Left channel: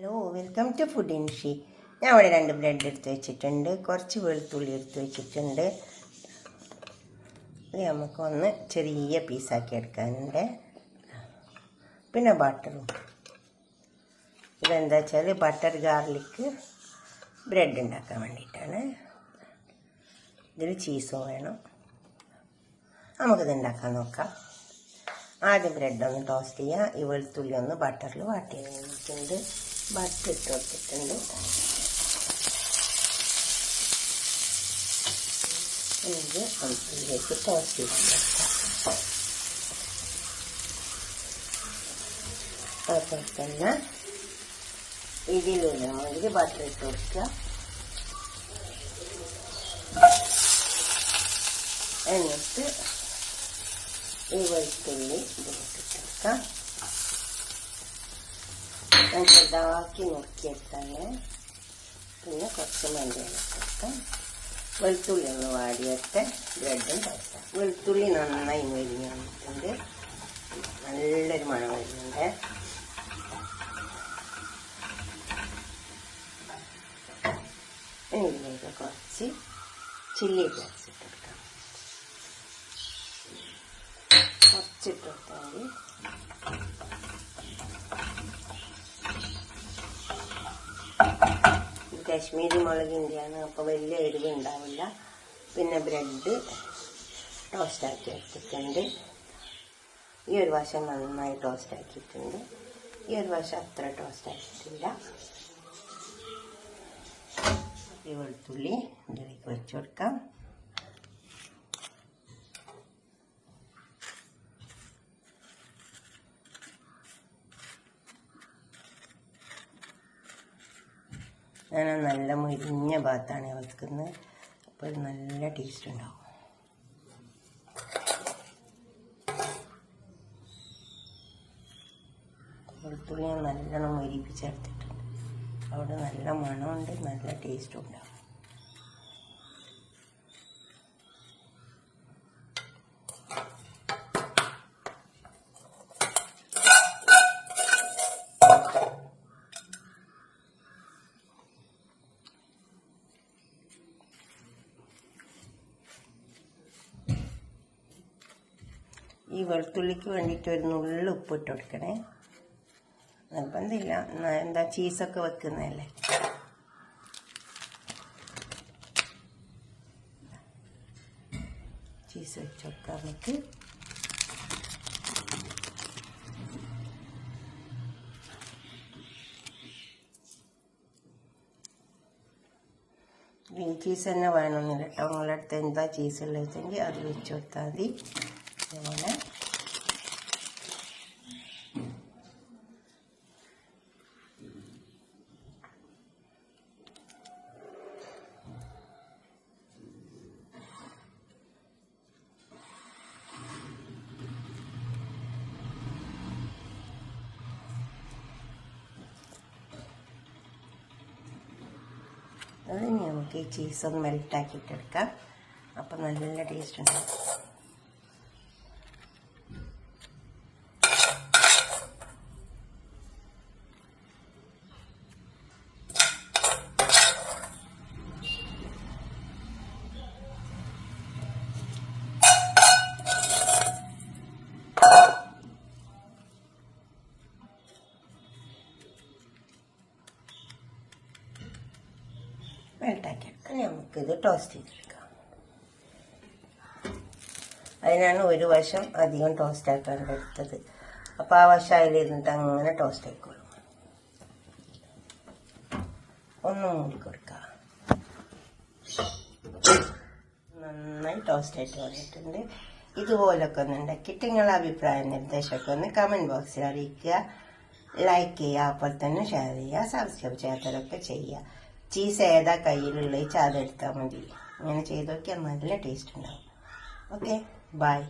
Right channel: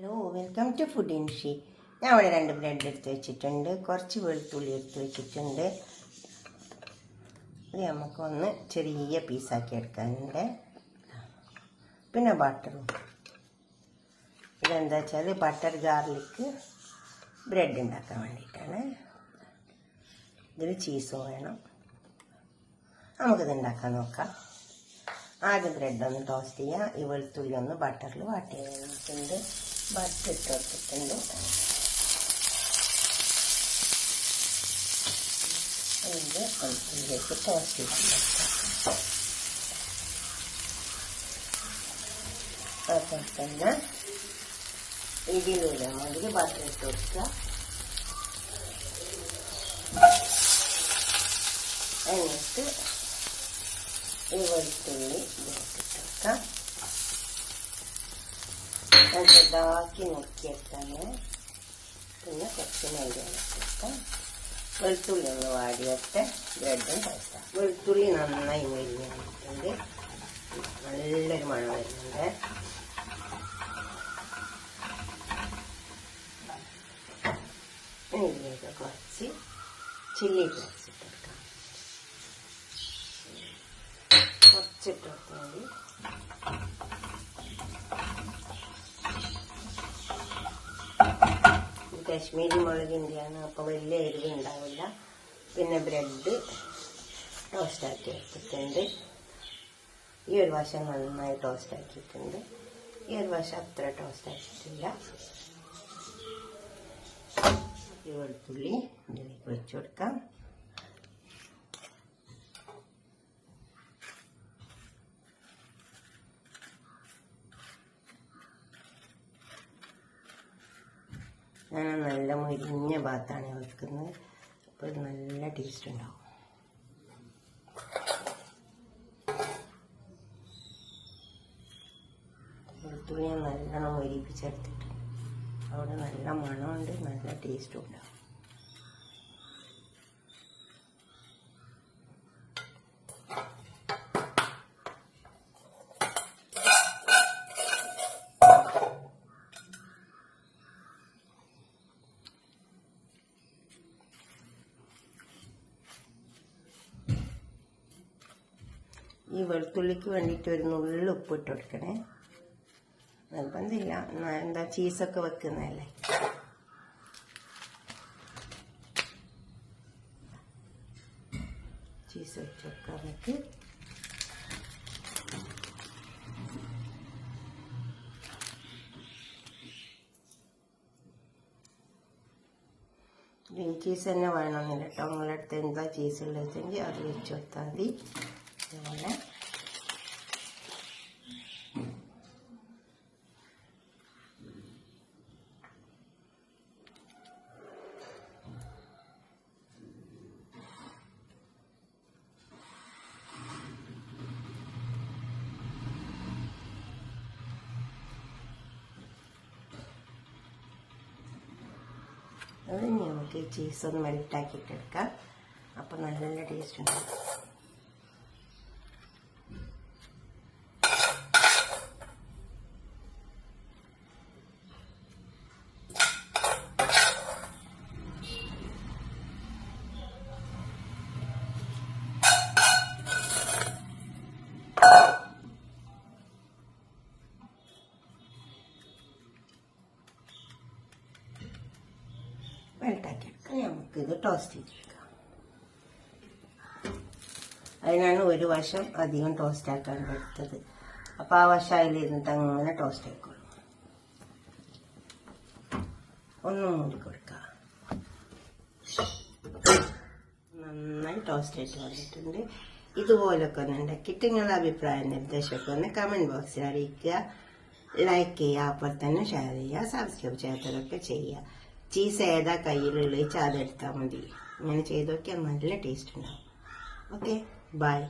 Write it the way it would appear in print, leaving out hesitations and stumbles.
Hello, welcome to food ഇൻഷി. ഞാൻ ഇവിടെ 2 ബ്രെഡ് എടുത്ത് വെച്ചിട്ടുണ്ട്, കുറച്ച് വെളുത്തുള്ളി എടുത്ത് വെച്ചിട്ടുണ്ട്. ഇത് നമുക്കൊന്ന് ചെറിയ പീസാക്കി എടുക്കാനുണ്ട്. പിന്നെ ബട്ടറും. ഇതെന്താ വെച്ചാൽ ബട്ടർ ഗാർലിക് ബ്രെഡ് ഉണ്ടാക്കാൻ വേണ്ടിയിട്ടാണ്. ഇതിൽ ചീസും വേണം. നമുക്കിത് ഉണ്ടാക്കാൻ നോക്കാം. ആദ്യം ബ്രെഡ് ഒന്ന് ടോസ്റ്റ് ചെയ്യുക. ഈ വെളുത്തുള്ളി ഒന്ന് ബട്ടറിൽ വാട്ടി കഴിഞ്ഞിട്ടുണ്ട്. ബട്ടർ ഇട്ട് വെച്ചിട്ടുണ്ട്. ഇത് ഇതിലേക്ക് ടോസ്റ്റ് ചെയ്ത് തന്നെ ഇതിലുള്ള മാതിരി ബട്ടർ ഇട്ട് കൊടുക്കുക. എന്നിട്ട് ഈ വെളുത്തുള്ളി ഇതിലിട്ടിട്ടേക്കാം. ചെറുതാക്കി നോക്കിയെടുത്താണ്. പിന്നെ കുറച്ച് മല്ലിയിലിട്ടേക്കാം. വെളുത്തുള്ളി ഒന്ന് വാടിയിട്ട് ബ്രെഡും കഴിക്കാം. വെളുത്തുള്ളി നന്നായി മൊരിഞ്ഞ് വന്നിട്ടുണ്ട്. നല്ലൊരു മണം വരുന്നുണ്ട്. ഇതിലേക്ക് കുറച്ച് ചില്ലി ഫ്ലേക്സ് ഇട്ടെടുക്കാം. കുറച്ചിട്ടെടുത്താൽ മതി. കാശ്മീരി മുളകിൻ്റെയാണ്, അപ്പോൾ വലിയ എരിവ് ഉണ്ടാവില്ല. പിന്നെ ബ്രെഡ് ടോസ്റ്റാക്കി എടുത്തിട്ടുണ്ട്. ഈ ഒരു വശം നന്നായി ടോസ്റ്റ് ആക്കിയിട്ടുണ്ട്. ഈ ഒരു വശം അത്ര ടോസ്റ്റ് ആക്കിയിട്ടില്ല. ഈ വെളുത്തുള്ളി ഇതിലേക്ക് വെച്ച് കൊടുക്കാം. ഞാൻ നല്ല മുരിഞ്ഞ ഭാഗത്താണ് വെക്കുന്നത്. അപ്പോൾ നല്ല ടേസ്റ്റ് ഉണ്ടാവും. വെളുത്തുള്ളി ഞാൻ നല്ലോണം മുരിപ്പിച്ചെടുത്തിട്ടുണ്ട്. അവിടെ നല്ല മണമുണ്ട്, നല്ല ടേസ്റ്റും ഉണ്ടാവും. ഈ വെളുത്തുള്ളിക്ക് വേണ്ടിയിട്ട് ഒരു നുള്ളി ഉപ്പിട്ട് കൊടുക്കണേ. നിർബന്ധമില്ല, എന്താ ചീസൊക്കെ വെക്കുന്നതല്ലേ. ചീസ് വെച്ച് കൊടുക്കാം നമുക്ക്. ഗ്രീൻ ചീസ് തന്നെ വേണമെന്നില്ല കേട്ടോ. നിങ്ങളുടെ അടുത്ത് എന്താ ചീസ് ഉള്ളതെങ്കിൽ അത് വെച്ച് കൊടുത്താൽ മതി. അതുപോലെ അത് നമുക്ക് ചീസ് ഒന്ന് മെൽറ്റാക്കിയിട്ടെടുക്കാം. അപ്പം നല്ല ടേസ്റ്റ് ഉണ്ടാവും. മെൽറ്റാക്കി നമുക്കിത് ടോസ്റ്റ് ചെയ്തെടുക്കാം. അതിനാണ് ഒരു വശം അധികം ടോസ്റ്റ് ആക്കാൻ എടുത്തത്. അപ്പോൾ ആ വശം അതിലിരുന്നിട്ട് അങ്ങനെ ടോസ്റ്റ് ആക്കും. ഒന്ന് മൂടി കൊടുക്കാം. നന്നായി ടോസ്റ്റ് ആയിട്ട് വന്നിട്ടുണ്ട്. ഇതുപോലൊക്കെ ഒന്ന് ഉണ്ടാക്കിയിട്ട് നിങ്ങളുടെ അഭിപ്രായം നിർദ്ദേശമൊക്കെ ഒന്ന് കമൻറ്റ് ബോക്സിൽ അറിയിക്കുക. ലൈക്ക് ചെയ്യുക, അപ്പോൾ തന്നെ ഷെയർ ചെയ്യുക, സബ്സ്ക്രൈബ് ചെയ്യാത്തതൊക്കെ ചെയ്യുക. ചീസ് ഏതാ കയ്യിലുള്ളത് വെച്ചാൽ അതെടുത്താൽ മതി. ഇങ്ങനെ ചെയ്ത് നോക്കിയാൽ നല്ല ടേസ്റ്റ് ഉണ്ടാവും. Okay, by.